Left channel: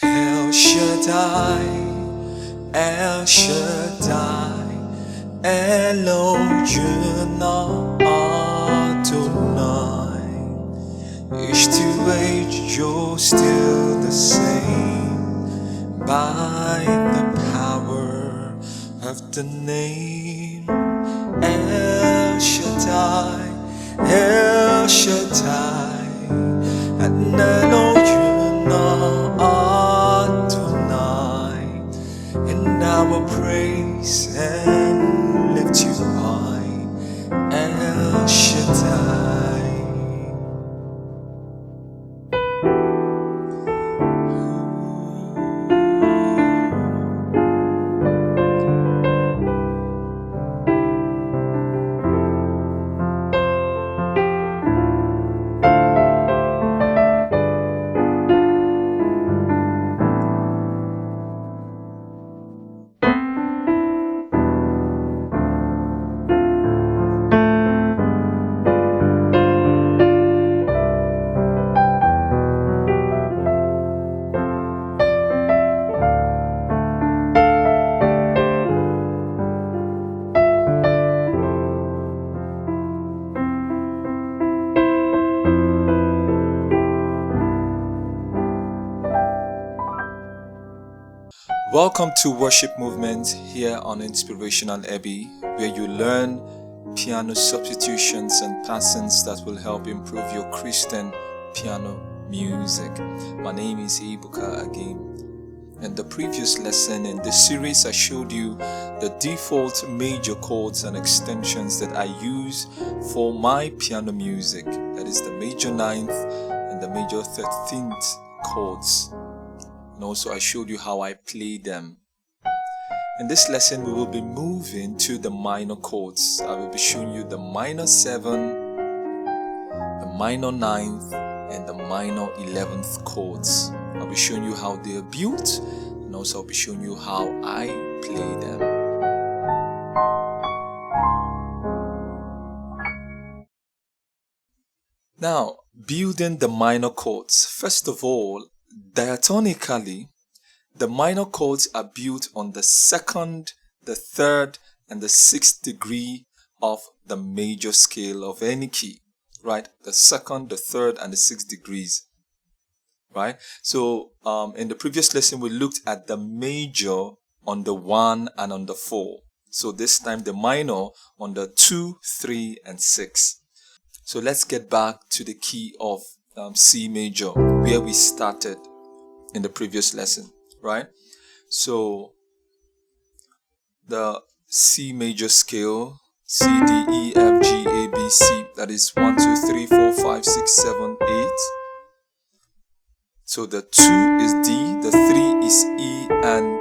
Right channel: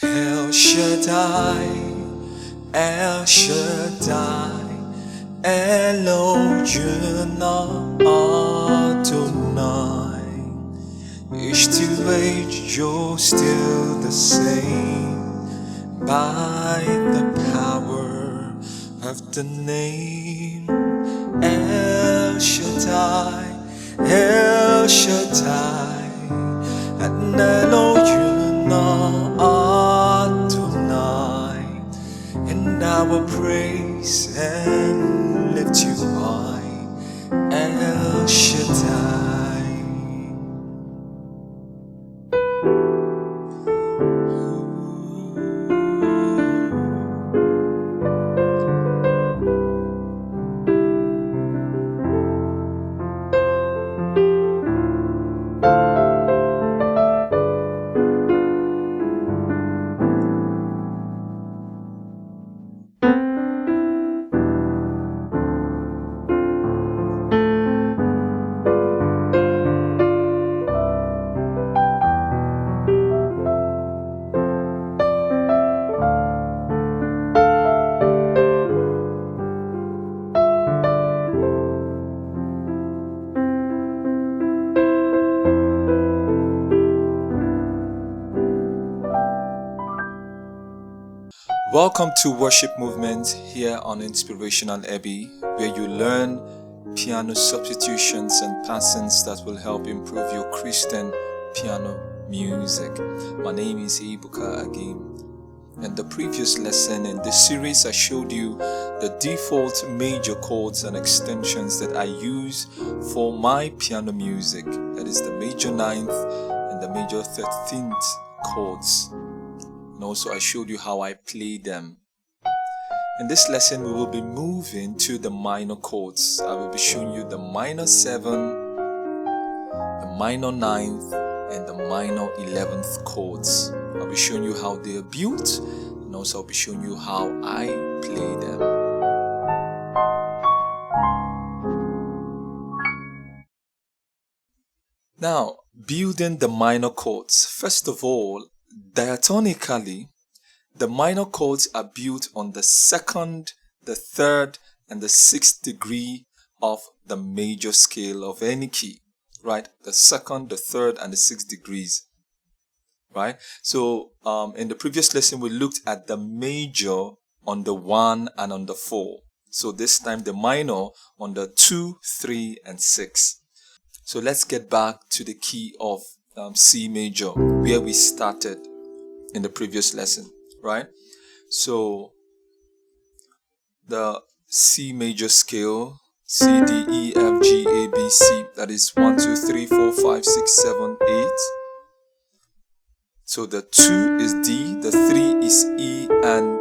El Shaddai, El Shaddai, Elohim Adonai. Age to age, you're still the same by the power of the name El Shaddai, El Shaddai, and Elohim Adonai. And I will praise and lift you high, El Shaddai. Welcome to Worship Movement here on Inspirational Eby, where you learn piano substitutions and patterns that will help improve your Christian piano music. My name is Ebuka again. In the previous lesson in this series, I showed you the default major chords and extensions that I use for my piano music. That is the major 9th and the major 13th chords. And also I showed you how I play them. In this lesson we will be moving to the minor chords. I will be showing you the minor 7, the minor 9th and the minor 11th chords. I'll be showing you how they are built, and also I'll be showing you how I play them. Now, building the minor chords. First of all, diatonically, the minor chords are built on the 2nd, the 3rd, and the 6th degree of the major scale of any key, right? The 2nd, the 3rd, and the 6th degrees, right? So, in the previous lesson, we looked at the major on the 1 and on the 4. So this time, the minor on the 2, 3, and 6. So let's get back to the key of C major, where we started in the previous lesson, right? So the C major scale, C, D, E, F, G, A, B, C, that is 1, 2, 3, 4, 5, 6, 7, 8. So the 2 is D, the 3 is E, and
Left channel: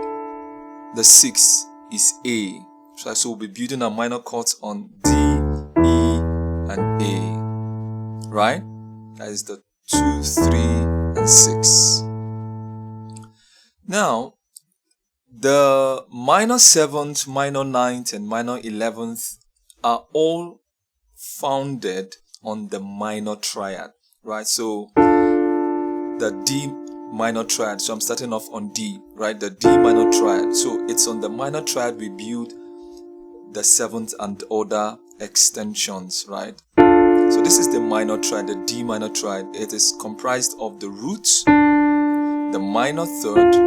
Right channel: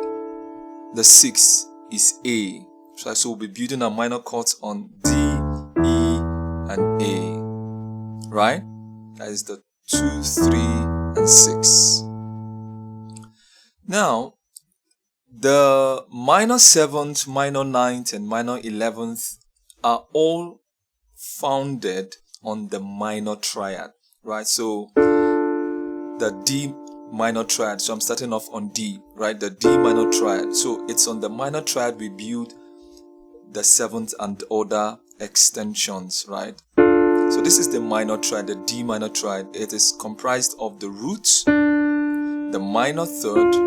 the 6 is A. So we'll be building our minor chords on D, E, and A, right? That is the 2, 3, and 6. Now, the minor 7th, minor 9th, and minor 11th are all founded on the minor triad, right? So, the D minor triad, so I'm starting off on D, right? The D minor triad. So, it's on the minor triad we build the 7th and other extensions, right? So this is the minor triad, the D minor triad. It is comprised of the root, the minor 3rd,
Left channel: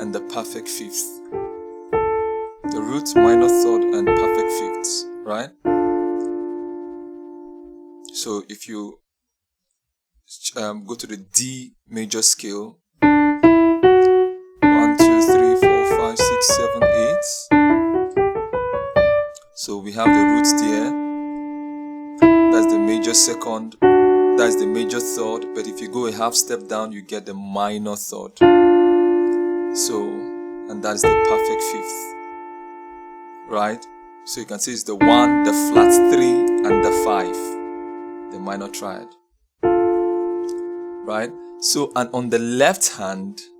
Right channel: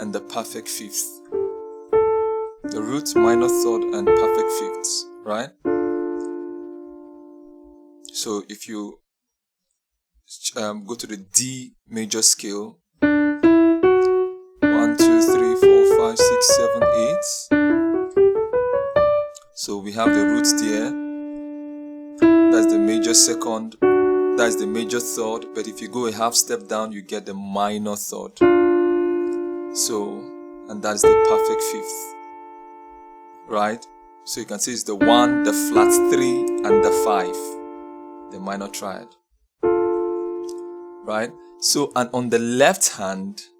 and the perfect 5th. The root, minor 3rd, and perfect 5th, right? So if you go to the D major scale, 1, 2, 3, 4, 5, 6, 7, 8. So we have the roots there. That's the major 2nd, that's the major 3rd, but if you go a half step down, you get the minor 3rd. So, and that's the perfect 5th, right? So you can see it's the 1, the flat 3, and the 5, the minor triad, right? So, and on the left hand,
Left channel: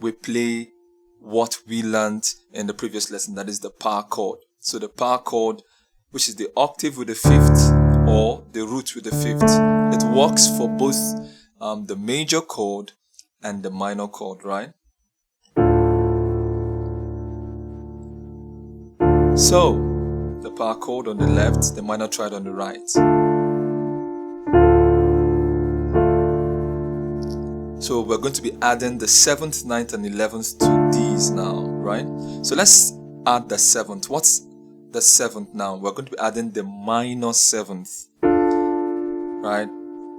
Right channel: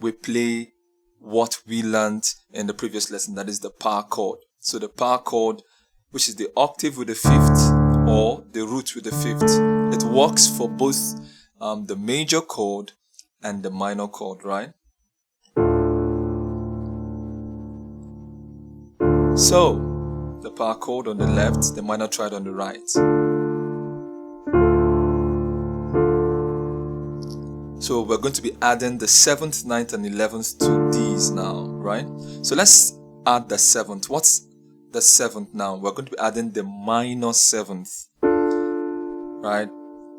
we play what we learned in the previous lesson, that is the power chord. So the power chord, which is the octave with the 5th or the root with the 5th. It works for both the major chord and the minor chord, right? So, the power chord on the left, the minor triad on the right. So we're going to be adding the 7th, 9th, and 11th to these now, right? So let's add the 7th. What's the 7th now? We're going to be adding the minor 7th, right?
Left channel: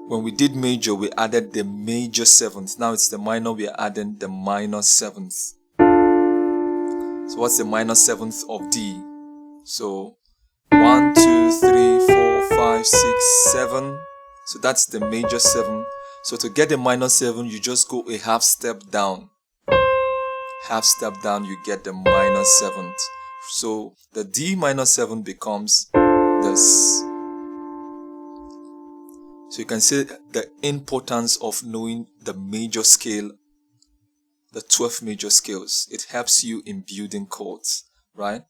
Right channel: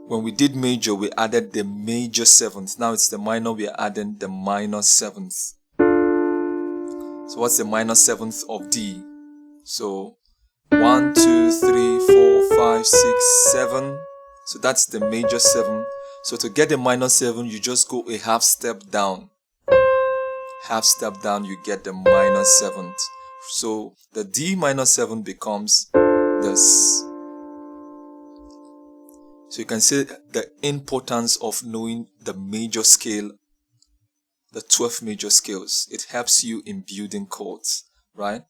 When we did major, we added the major 7th. Now it's the minor, we are adding the minor 7th. So what's the minor 7th of D? So 1, 2, 3, 4, 5, 6, 7. So that's the major 7. So to get the minor 7, you just go a half step down. Half step down, you get the minor 7th. So the D minor 7 becomes this. So you can see the importance of knowing the major scale, the 12 major scales. It helps you in building chords, right?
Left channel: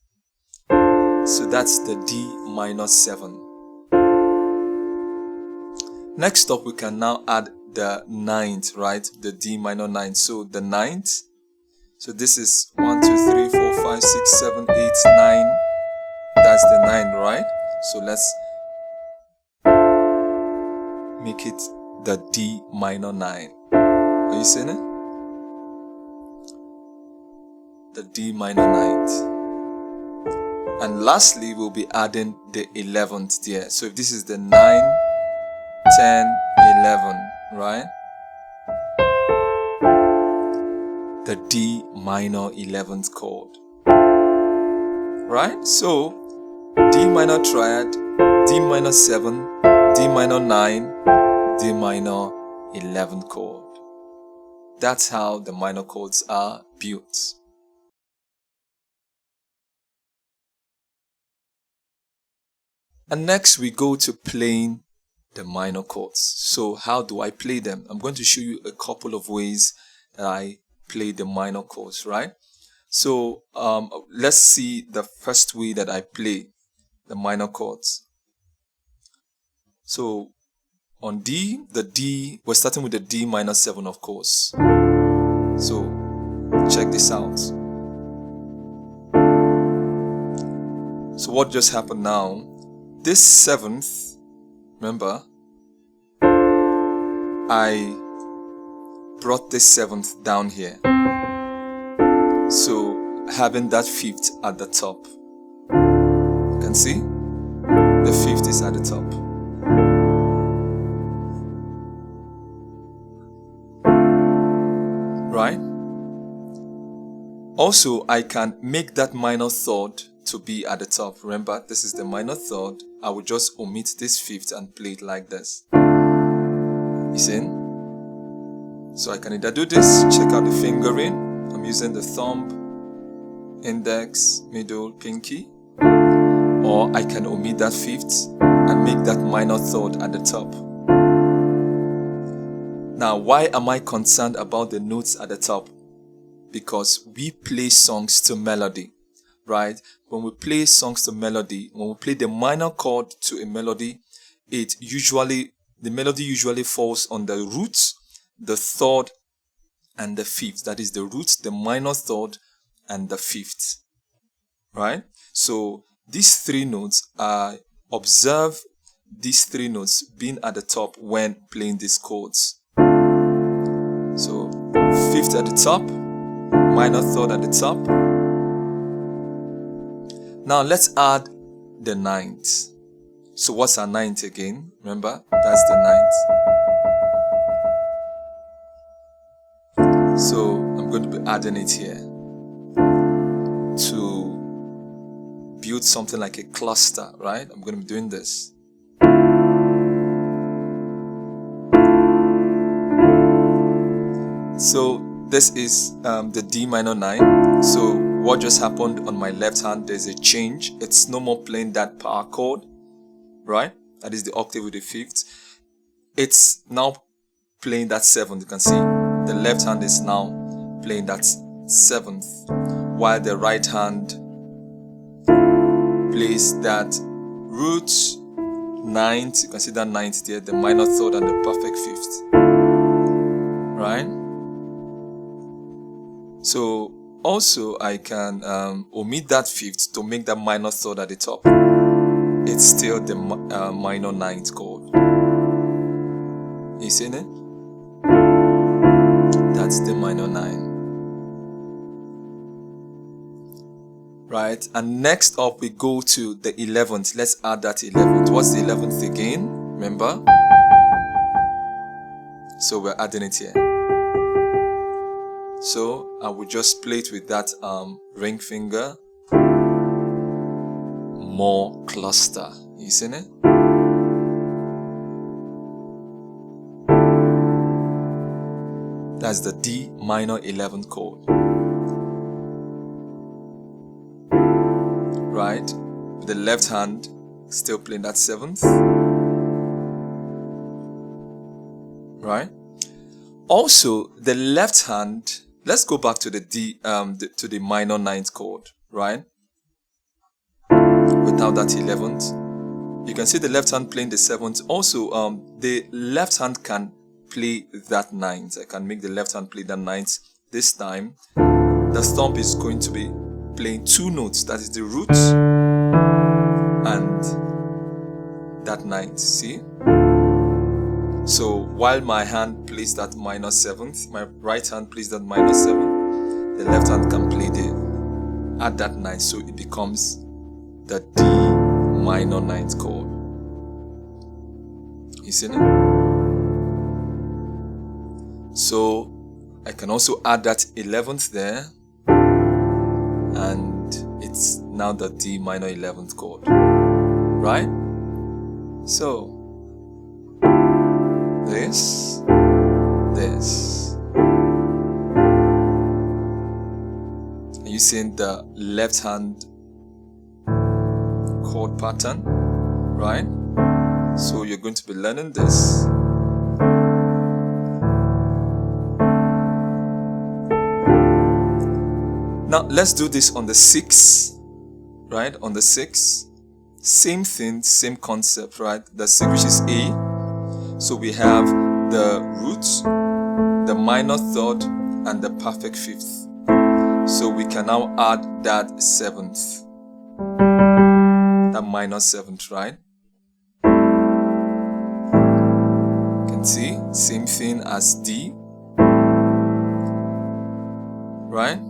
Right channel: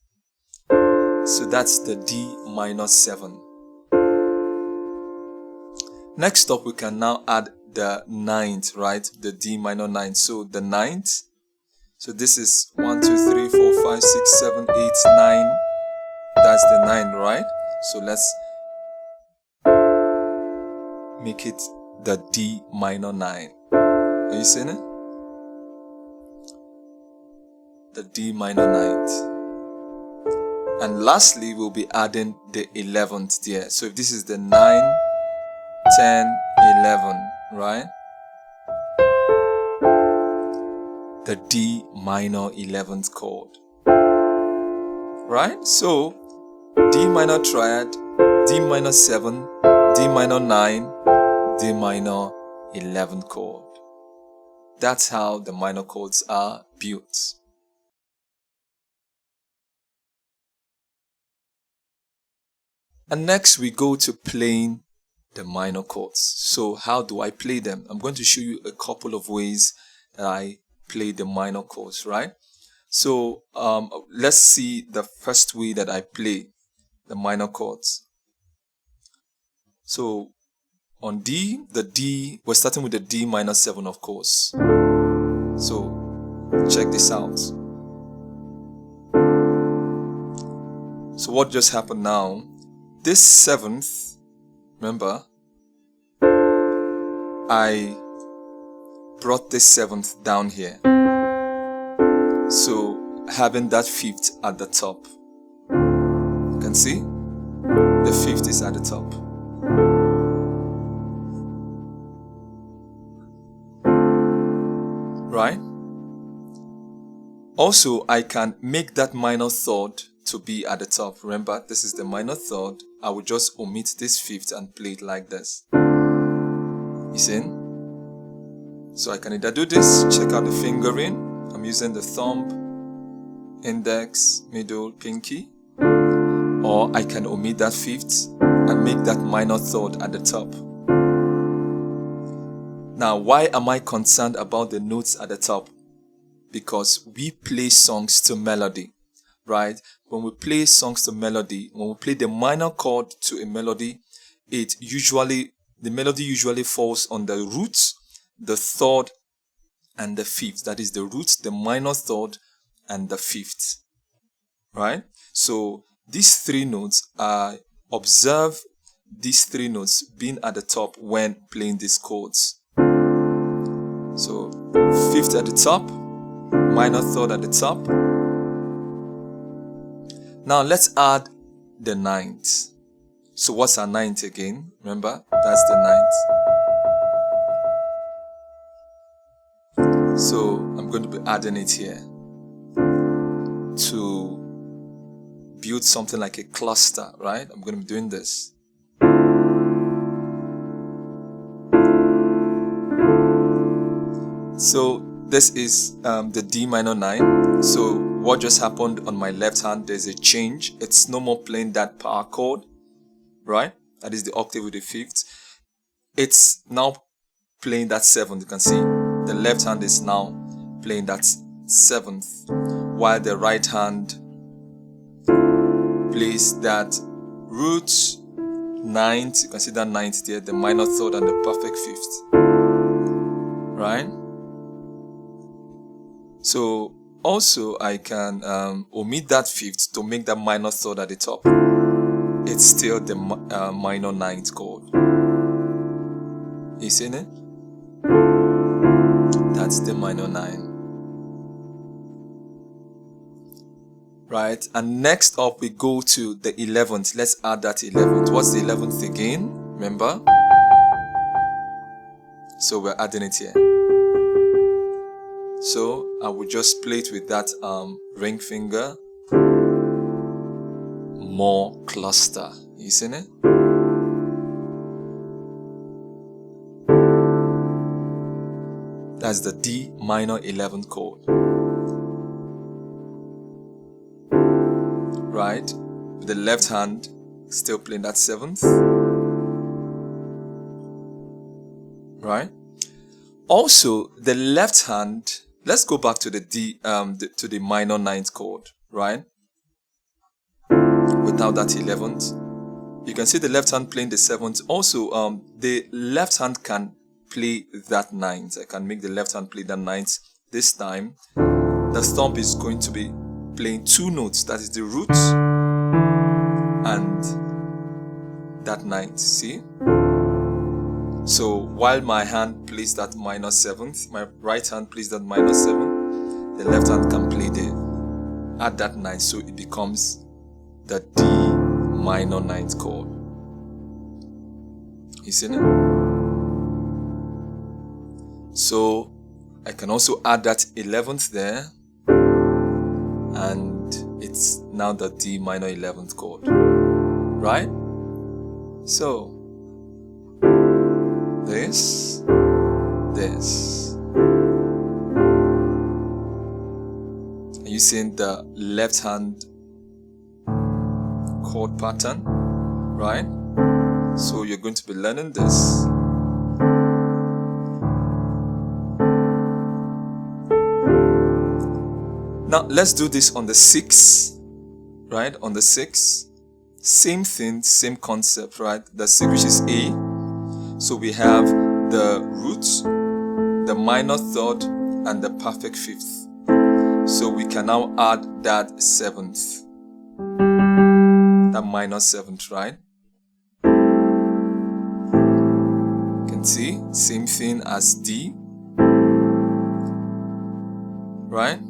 So that's the D minor 7. Next up, we can now add the 9th, right? The D minor 9. So the 9th. So this is 1, 2, 3, 4, 5, 6, 7, 8, 9. That's the 9, right? So let's make it the D minor 9. Are you seeing it? The D minor 9th. And lastly, we'll be adding the 11th there. So if this is the 9, 10, 11, right? The D minor 11th chord. Right? So, D minor triad, D minor 7, D minor 9, D minor 11th chord. That's how the minor chords are built. And next we go to playing the minor chords. So how do I play them? I'm going to show you a couple of ways that I play the minor chords, right? So let's see the first way that I play the minor chords. So on D, we're starting with the D minor 7, of course. So check this out. So what just happened now? This 7th, remember, I brought this 7th down here. So having that 5th at the top. You can see? The 5th is at the top. Right? Also, I can make that minor third to be at the top. Remember, this is the minor third. I will just omit this 5th and play it like this. You see? So I can either do this, check out the fingering. I'm using the thumb, index, middle, pinky. Or I can omit that 5th and make that minor third at the top. Now, why am I concerned about the notes at the top? Because we play songs to melody, right? When we play songs to melody, when we play the minor chord to a melody, the melody usually falls on the root, the third, and the 5th. That is the root, the minor third, and the 5th, right? So these 3 notes observe these 3 notes being at the top when playing these chords. So 5th at the top, minor third at the top. Now let's add the 9th. So what's our 9th again? Remember, that's the 9th. So I'm going to be adding it here to build something like a cluster, right? I'm going to be doing this. So this is the D minor 9. So what just happened on my left hand, there's a change. It's no more playing that power chord, right? That is the octave with the 5th. It's now playing that 7th. You can see the left hand is now playing that 7th, while the right hand plays that root 9th. You can see that 9th there, the minor third and the perfect 5th, right? So also I can omit that fifth to make that minor third at the top. It's still the minor ninth chord. You seen it? That's the minor 9. Right, and next up we go to the 11th. Let's add that 11th. What's the 11th again? Remember? So we're adding it here. So I will just play it with that ring finger. More cluster. You seen it? That's the D minor 11th chord. Right? With the left hand still playing that 7th. Right? Also, the left hand, let's go back to the D to the minor 9th chord, right? Without that 11th. You can see the left hand playing the 7th. Also, the left hand can play that 9th. I can make the left hand play that 9th. This time, the thumb is going to be playing 2 notes. That is the root and that 9th. See? So while my hand plays that minor 7th, my right hand plays that minor 7th, the left hand can play add that 9th, so it becomes the D minor 9th chord. You see it? So I can also add that 11th there, and it's now the D minor 11th chord, right? So this. Are you seeing the left hand chord pattern, right? So you're going to be learning this. Now let's do this on the 6th, right? On the 6th, same thing, same concept, right? The 6, which is A. So we have the root, the minor third, and the perfect 5th. So we can now add that 7th, that minor 7th, right? You can see, same thing as D, right?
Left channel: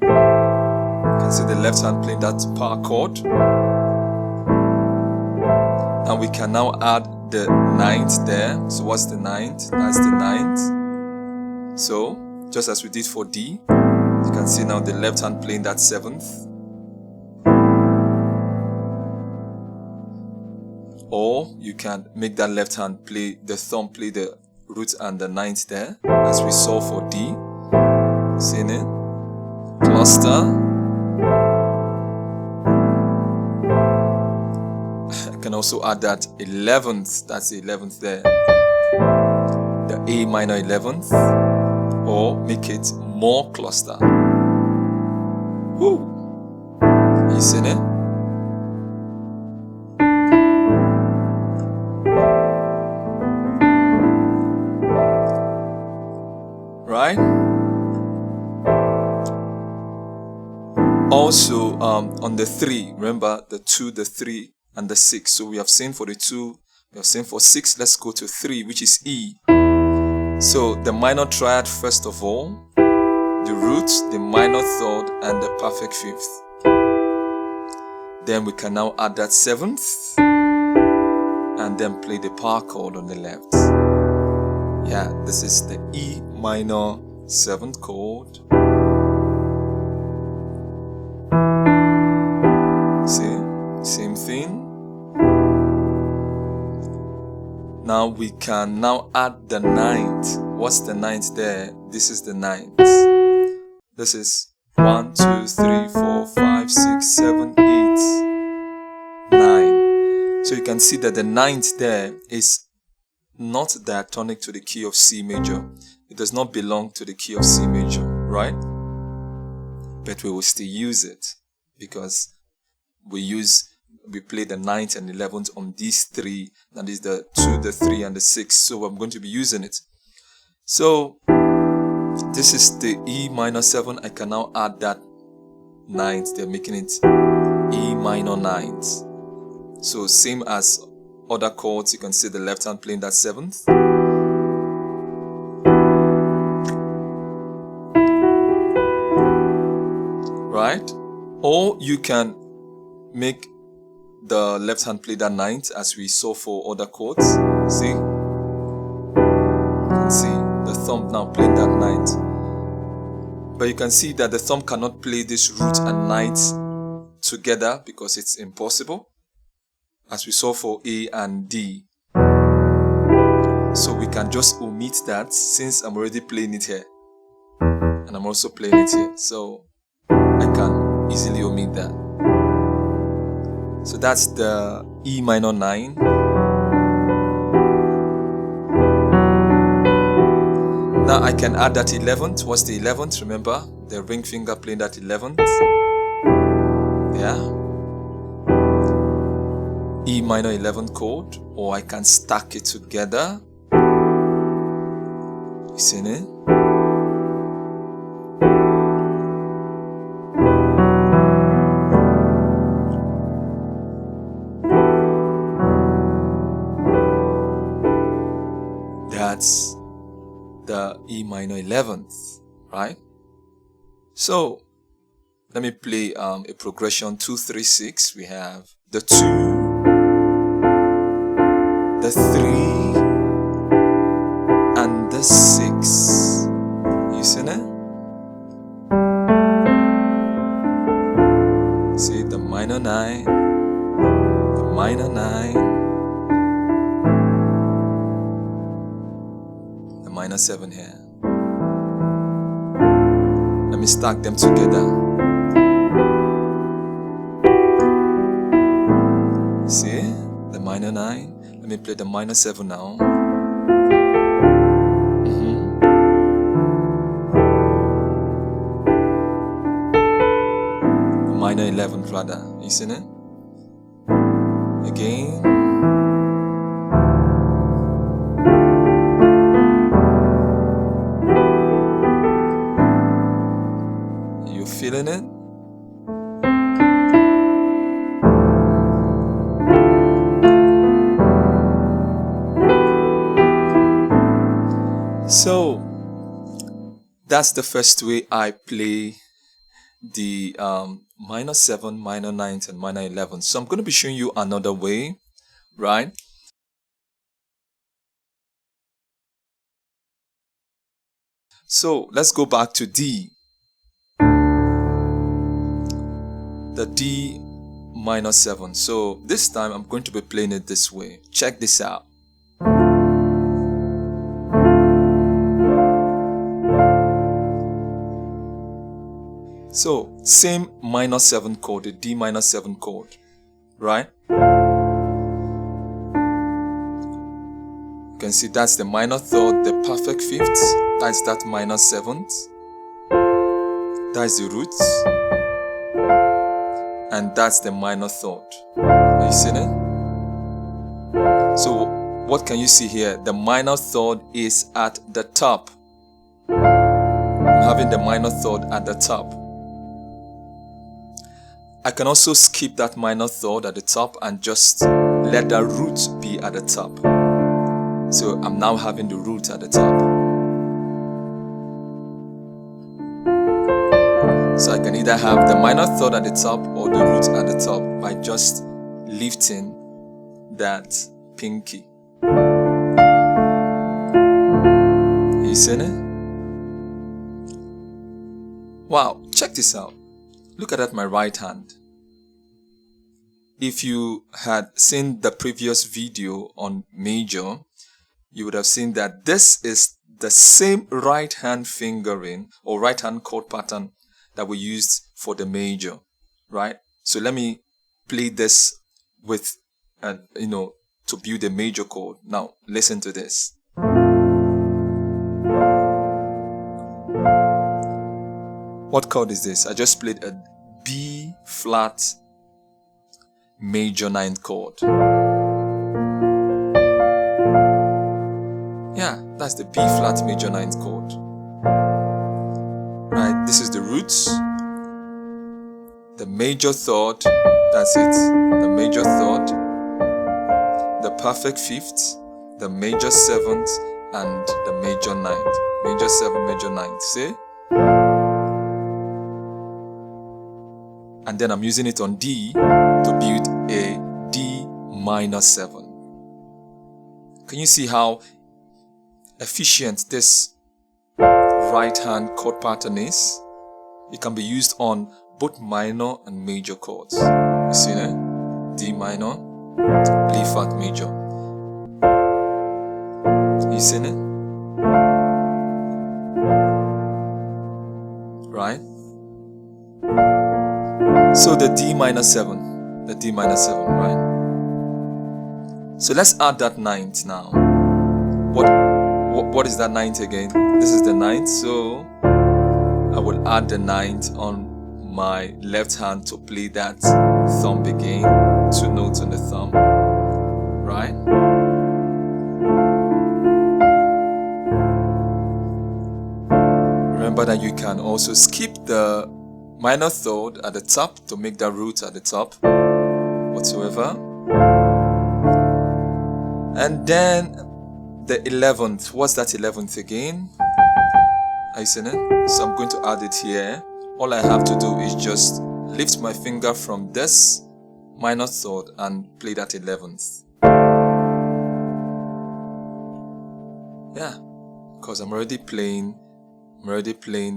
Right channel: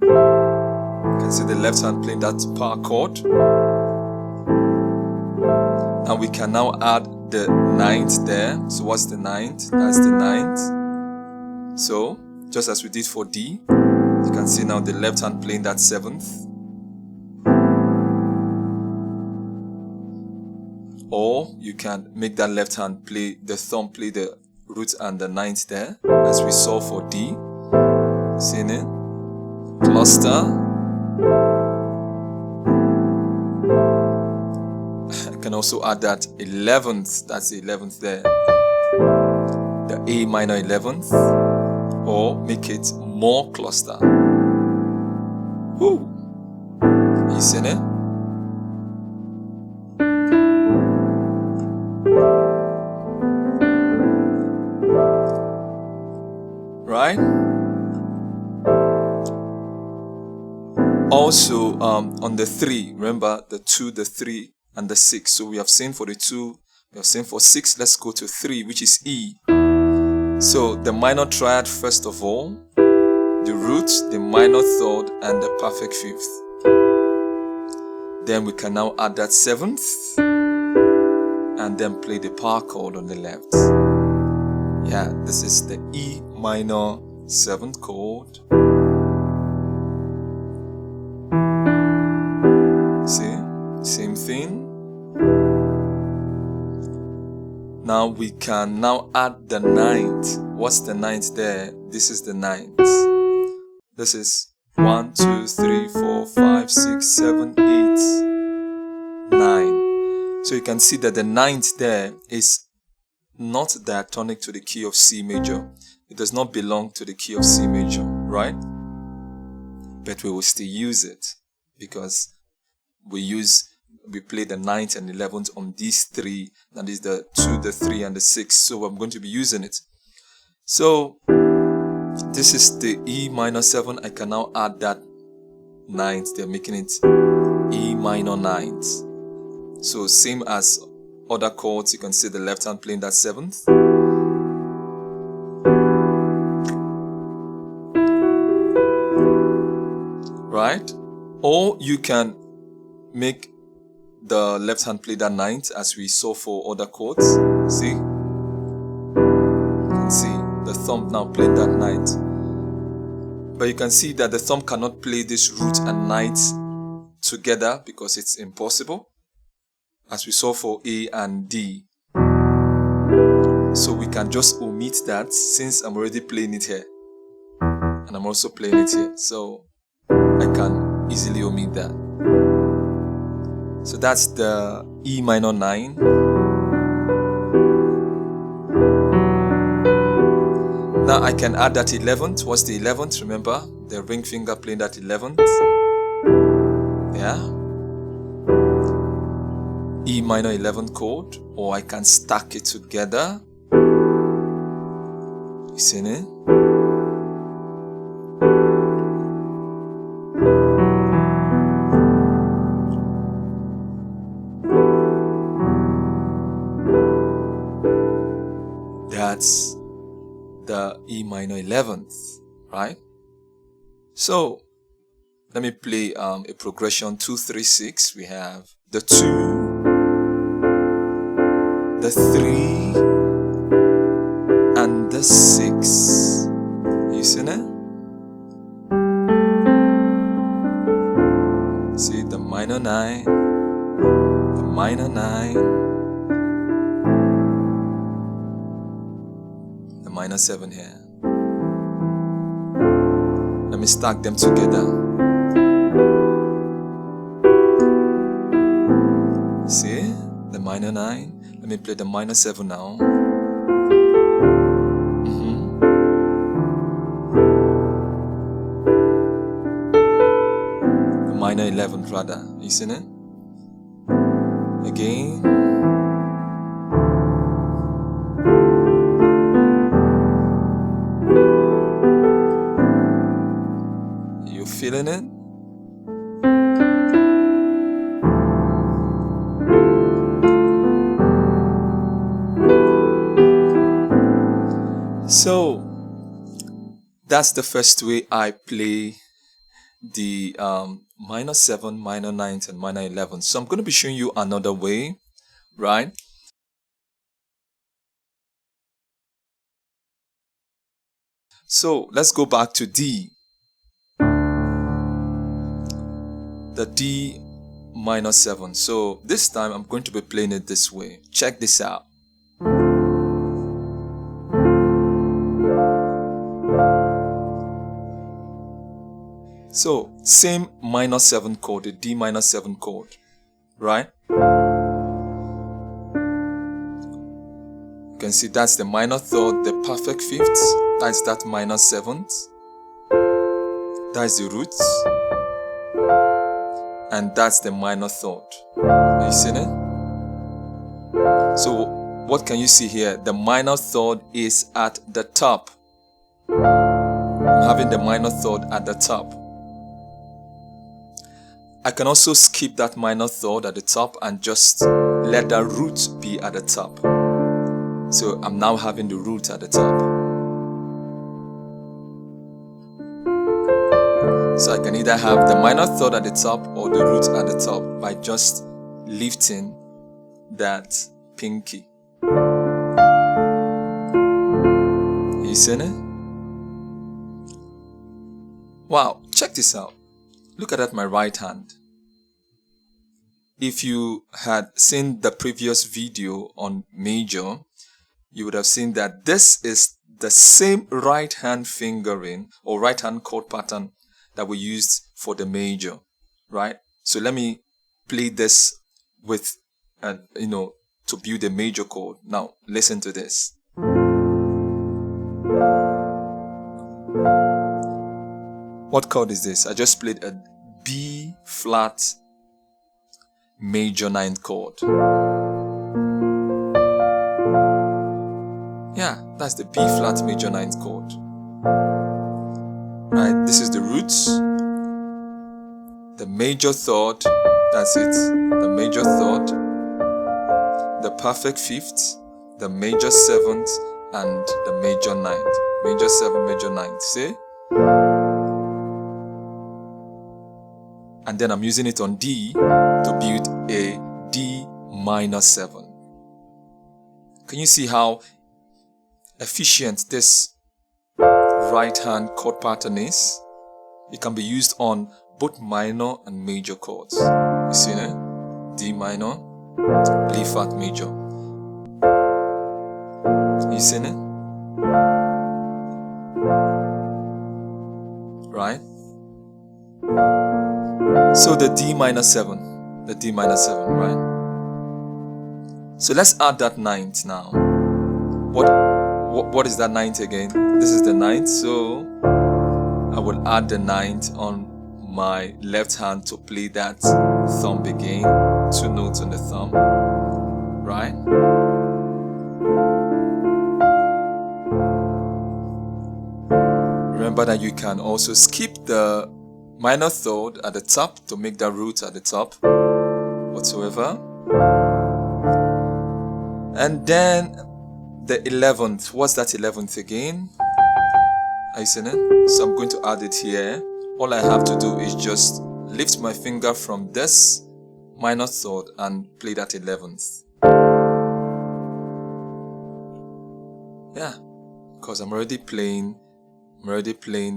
You can see the left hand playing that power chord. And we can now add the 9th there. So what's the 9th? That's the 9th. So just as we did for D, you can see now the left hand playing that 7th. Or you can make that left hand play, the thumb play the root and the 9th there, as we saw for D. Seeing it? Cluster. Can also add that 11th, that's the 11th there, the A minor 11th, or make it more cluster. Woo! You seen it? Right? Also, on the 3, remember the 2, the 3, and the 6. So we have seen for the 2, we have seen for 6. Let's go to 3, which is E. So the minor triad first of all, the root, the minor third, and the perfect 5th. Then we can now add that 7th, and then play the power chord on the left. Yeah, this is the E minor 7th chord. See? Same thing. Now we can now add the 9th. What's the 9th there? This is the 9th. This is 1, 2, 3, 4, 5, 6, 7, 8, 9. So you can see that the 9th there is not diatonic to the key of C major. It does not belong to the key of C major, right? But we will still use it because we play the 9th and 11th on these 3, that is the 2, the 3, and the 6. So I'm going to be using it. So this is the E minor 7. I can now add that 9th. They're making it E minor 9th. So same as other chords, you can see the left hand playing that 7th. Right? Or you can make the left hand play that 9th as we saw for other chords. See? You can see the thumb now playing that 9th. But you can see that the thumb cannot play this root and 9th together because it's impossible, as we saw for A and D. So we can just omit that since I'm already playing it here. And I'm also playing it here. So I can easily omit that. So that's the E minor 9. Now I can add that 11th. What's the 11th? Remember, the ring finger playing that 11th. Yeah. E minor 11th chord. Or I can stack it together. You see it? That's the E minor 11th, right? So let me play a progression 2, 3, 6. We have the 2, the 3, and the 6. You see that? See the minor 9, the minor 9. Minor 7 here. Let me stack them together. See the minor 9. Let me play the minor 7 now. The minor 11th rather. You see it? Again. Feeling it? So that's the first way I play the minor 7, minor 9th, and minor 11th. So I'm going to be showing you another way, right? So let's go back to D. The D minor 7. So this time I'm going to be playing it this way. Check this out. So same minor 7 chord, the D minor 7 chord, right? You can see that's the minor third, the perfect fifth. That's that minor 7th. That's the roots. And that's the minor third. Are you seeing it? So what can you see here? The minor third is at the top. I'm having the minor third at the top. I can also skip that minor third at the top and just let the root be at the top. So I'm now having the root at the top. So I can either have the minor third at the top or the root at the top by just lifting that pinky. You seen it? Wow, check this out. Look at my right hand. If you had seen the previous video on major, you would have seen that this is the same right hand fingering or right hand chord pattern that we used for the major, right? So let me play this with, to build a major chord. Now, listen to this. What chord is this? I just played a B flat major 9th chord. Yeah, that's the B flat major 9th chord. root, the major third, that's it, the major third, the perfect fifth, the major seventh, and the major ninth. Major seventh, major ninth, see? And then I'm using it on D to build a D minor 7. Can you see how efficient this right hand chord pattern is? It can be used on both minor and major chords. You see it? D minor, B flat major. You see it? Right? So the D minor 7, right? So let's add that ninth now. What is that ninth again? This is the ninth, so I will add the ninth on my left hand to play that thumb again, 2 notes on the thumb, right? Remember that you can also skip the minor third at the top to make that root at the top, whatsoever. And then the 11th, what's that 11th again? Are you seeing it? So I'm going to add it here. All I have to do is just lift my finger from this minor third and play that 11th. Yeah, because I'm already playing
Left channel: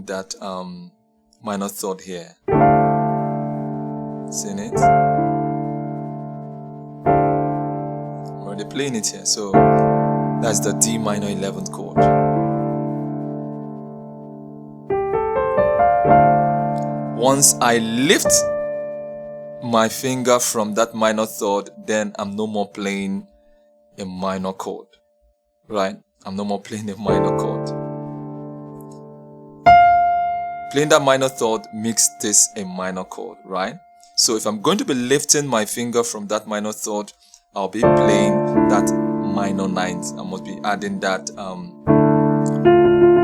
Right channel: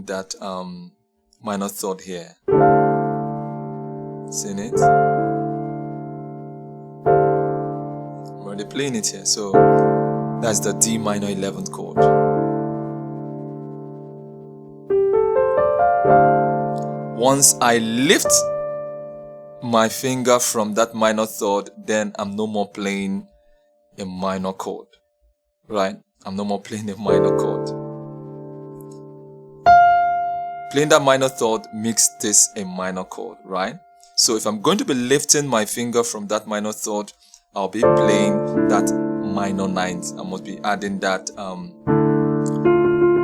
that minor third here. Seen it? I'm already playing it here, so that's the D minor 11th chord. Once I lift my finger from that minor third, then I'm no more playing a minor chord, right? I'm no more playing a minor chord. Playing that minor third makes this a minor chord, right? So if I'm going to be lifting my finger from that minor third, I'll be playing that minor ninth. I must be adding that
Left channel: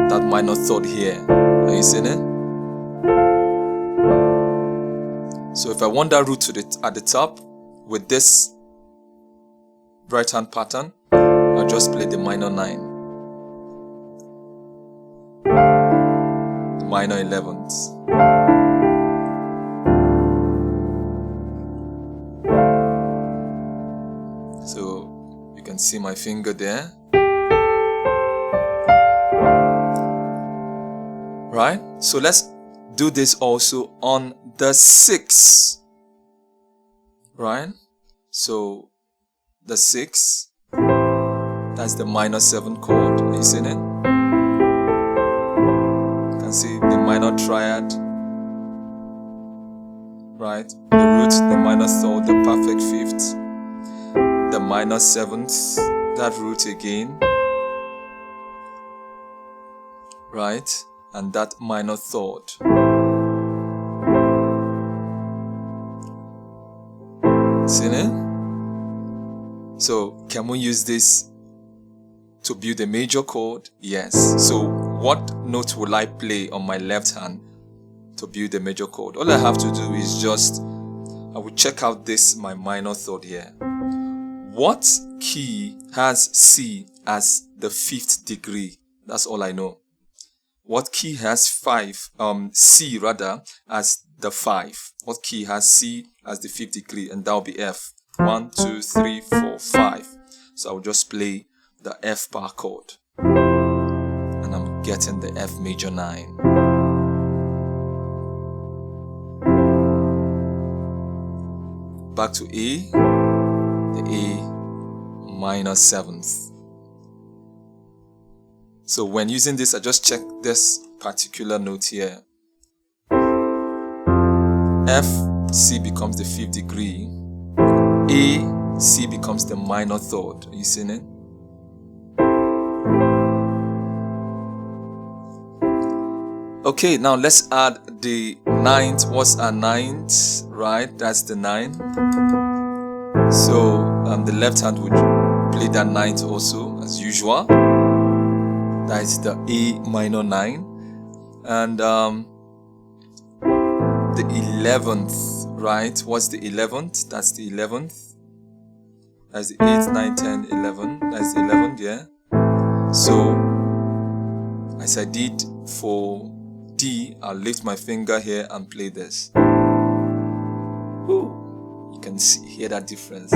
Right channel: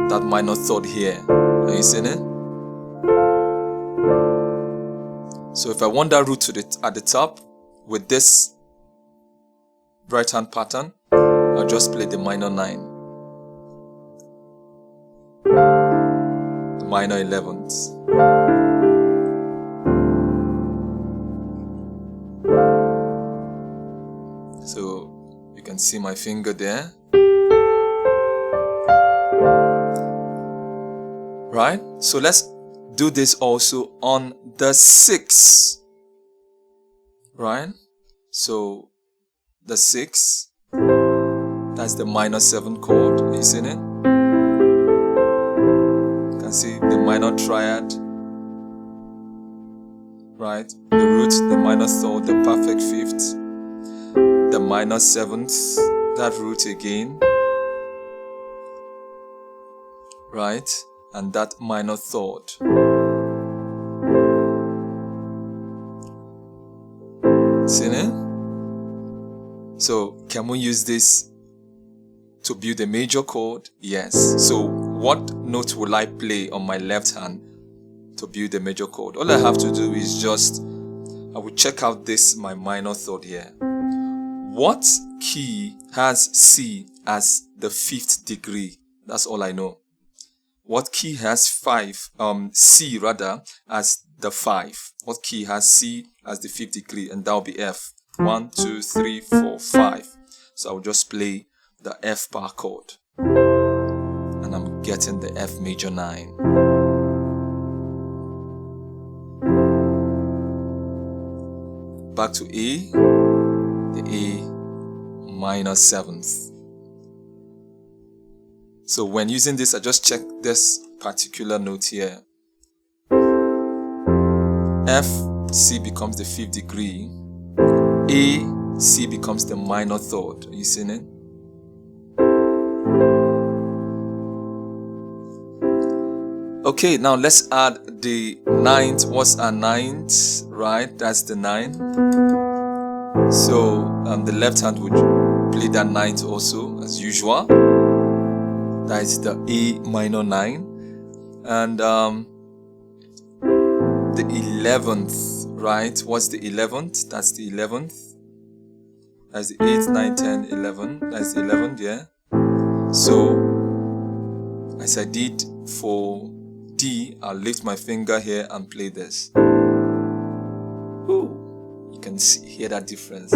that minor third here. Are you seeing it? So if I want that root at the top with this right hand pattern, I'll just play the minor 9. The minor 11th. So you can see my finger there. Right? So let's do this also on the 6th. Right? So the 6th, that's the minor 7 chord. Are you seeing it? You can see the minor triad. Right? The root, the minor third, the perfect fifth, the minor 7th, that root again. Right? And that minor third. Seen it? So can we use this to build a major chord? Yes. So what note will I play on my left hand to build a major chord? All I have to do is just, I will check out this, my minor third here. What key has C as the 5th degree? That's all I know. What key has C rather as the 5? What key has C as the 5th degree? And that will be F. 1, 2, 3, 4, 5. So I will just play the F bar chord. And I'm getting the F major 9. Back to A. The A minor 7th. So when using this, I just check this particular note here. F, C becomes the 5th degree. A, C becomes the minor third. Are you seeing it? Okay, now let's add the 9th. What's our 9th? Right, that's the 9. So the left hand would play that 9th also, as usual. That is the A minor 9. And the 11th, right? What's the 11th? That's the 11th. That's the 8th, 9th, 10th, 11th. That's the 11th, yeah? So, as I did for D, I'll lift my finger here and play this. Ooh, you can hear that difference.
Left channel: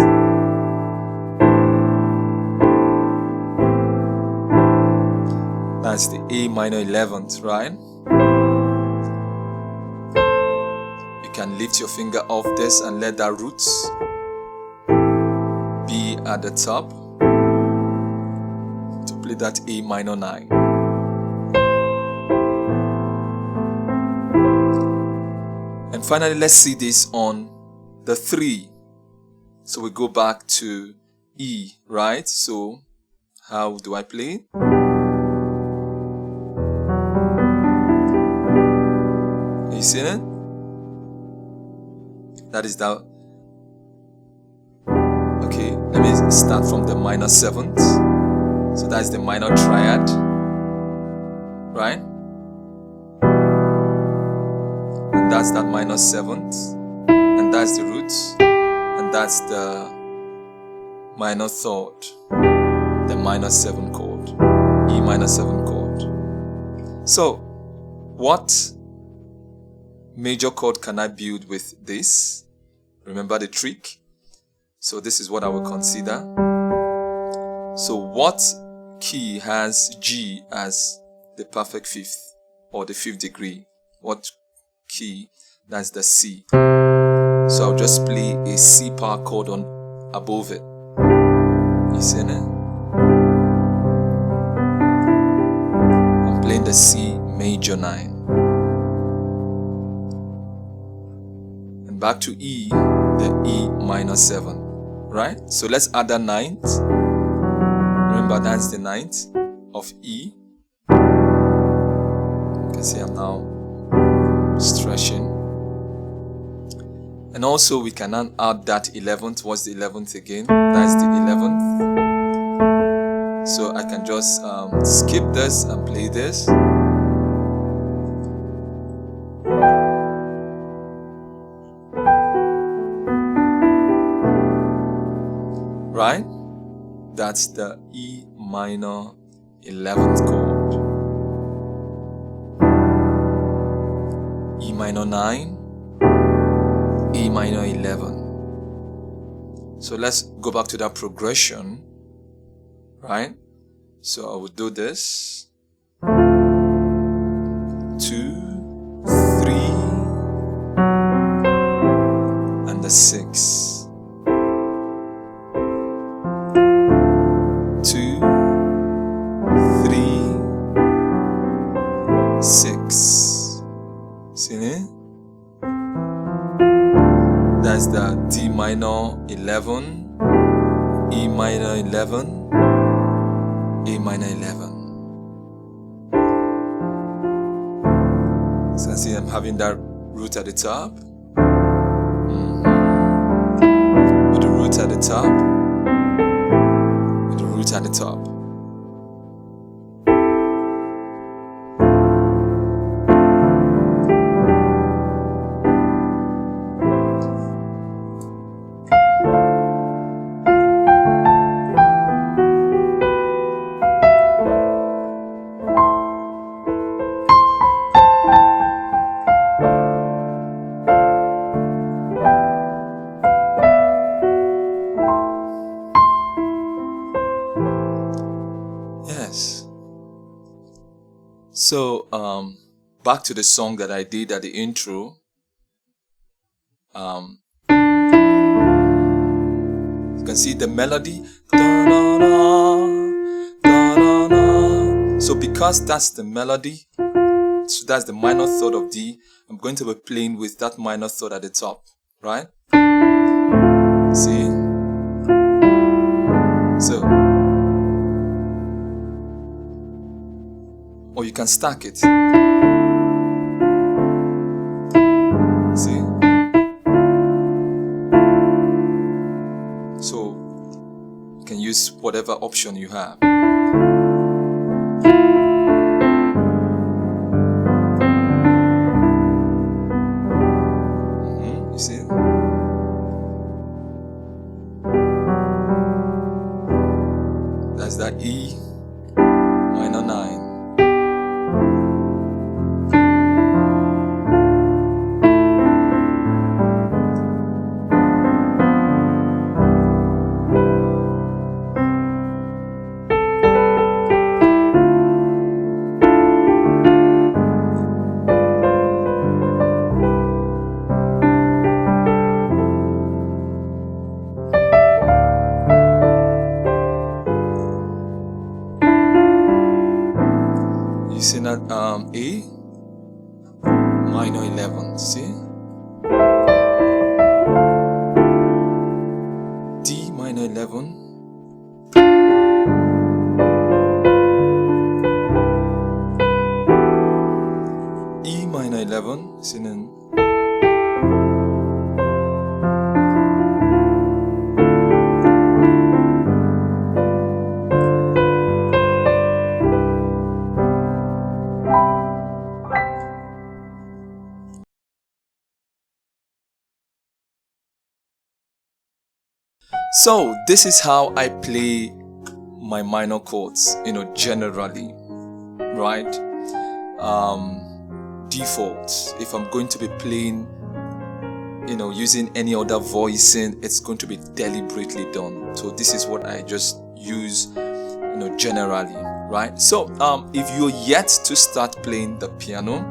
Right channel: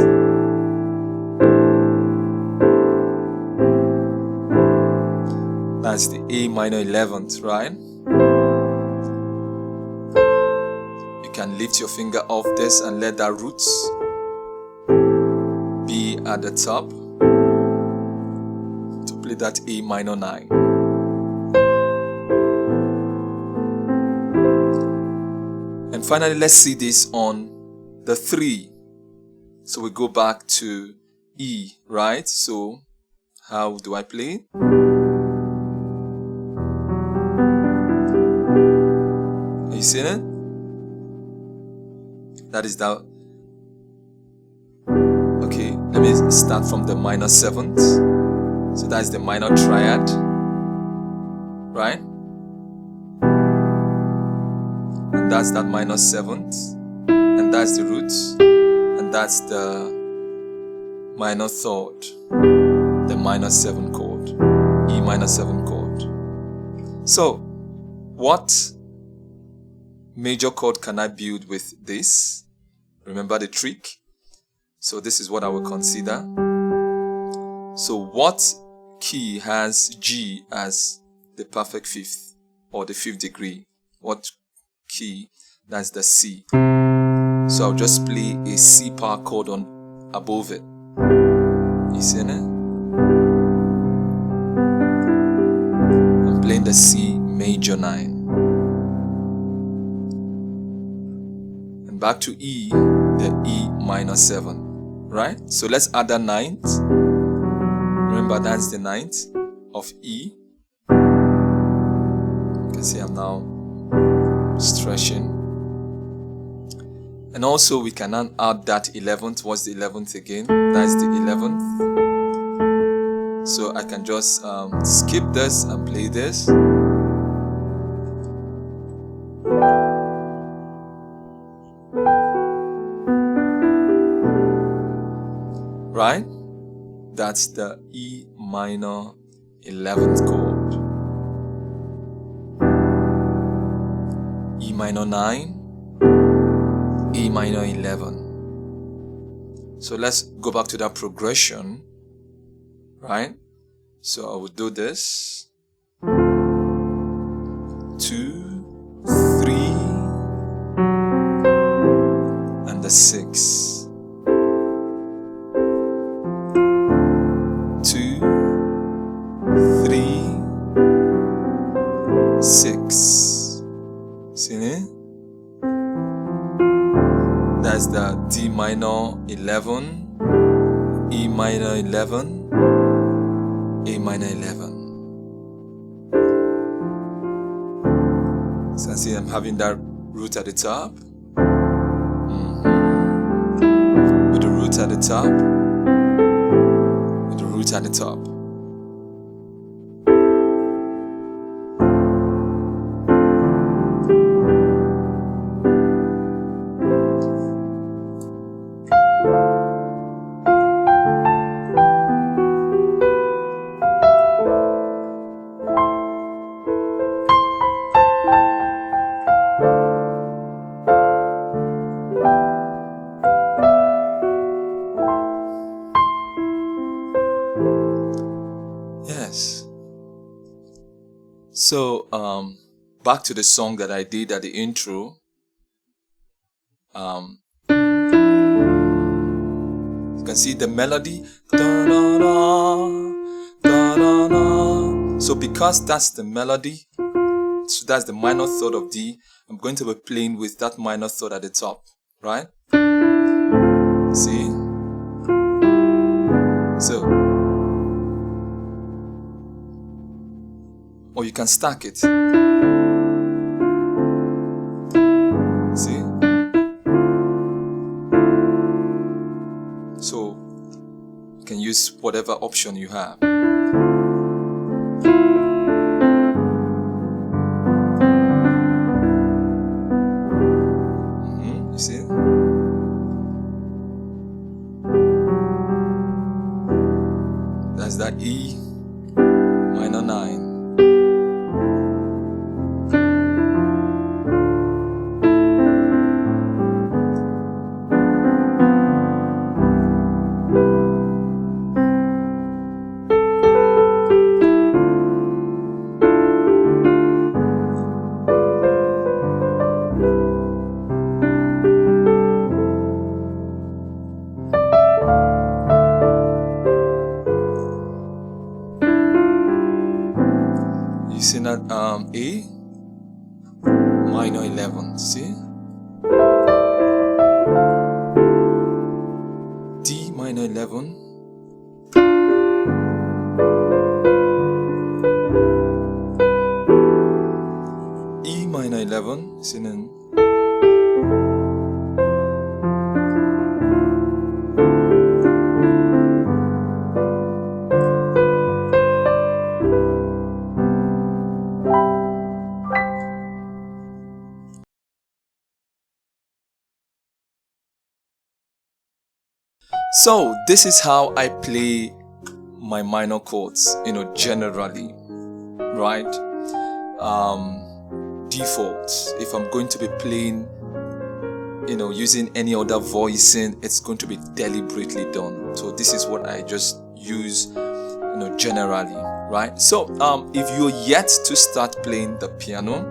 That's the A minor 11th, right? You can lift your finger off this and let that root be at the top to play that A minor 9. And finally, let's see this on the 3. So we go back to E, right? So how do I play it? Are you seeing it? That is that. Okay, let me start from the minor 7th. So that's the minor triad, right? And that's that minor 7th. And that's the roots. And that's the minor 3rd. The minor 7 chord. E minor 7 chord. So, what major chord can I build with this? Remember the trick? So this is what I will consider. So what key has G as the perfect 5th or the 5th degree? What key? That's the C. So I'll just play a C power chord on above it. You see it? I'm playing the C major 9. And back to E, the E minor 7. Right? So let's add the 9th. Remember, that's the 9th of E. You can see I'm now stretching. And also we can add that 11th. What's the 11th again? That's the 11th. So I can just skip this and play this. Right? That's the E minor 11th chord. E minor 9, E minor 11. So let's go back to that progression, right? So I will do this. 2, 3, and the 6. 2, 3, 6. See it? That's the D minor 11, E minor 11, A minor 11. So see, I'm having that root at the top. With the root at the top. With the root at the top. Yes. So, back to the song that I did at the intro. You can see the melody. Da-na-na, da-na-na. So because that's the melody, so that's the minor third of D, I'm going to be playing with that minor third at the top, right? See? So, or you can stack it. See? So, you can use whatever option you have. that E minor 9. You see that A minor 11, see? D minor 11, E minor 11, see then So this is how I play my minor chords, generally, right? Default, if I'm going to be playing, using any other voicing, it's going to be deliberately done. So this is what I just use, generally, right? So if you're yet to start playing the piano,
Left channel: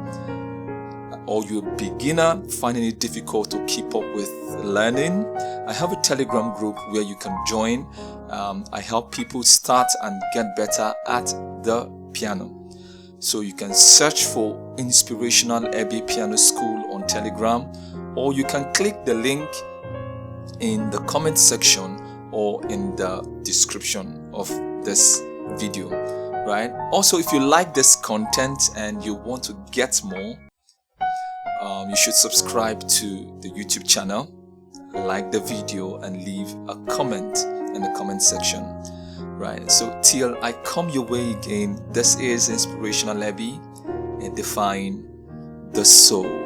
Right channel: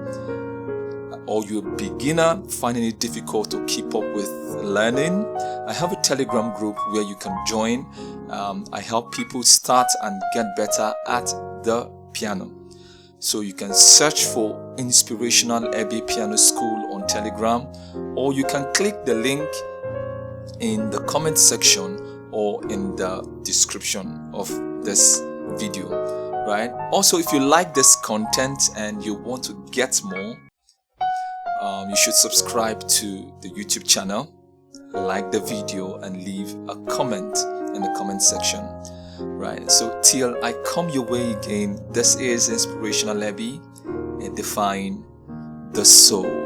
or you're a beginner finding it difficult to keep up with learning, I have a Telegram group where you can join. I help people start and get better at the piano. So you can search for Inspirational Eby Piano School on Telegram, or you can click the link in the comment section or in the description of this video, right? Also, if you like this content and you want to get more, you should subscribe to the YouTube channel, like the video, and leave a comment in the comment section, right? So till I come your way again, this is Inspirational Eby, edifying the soul.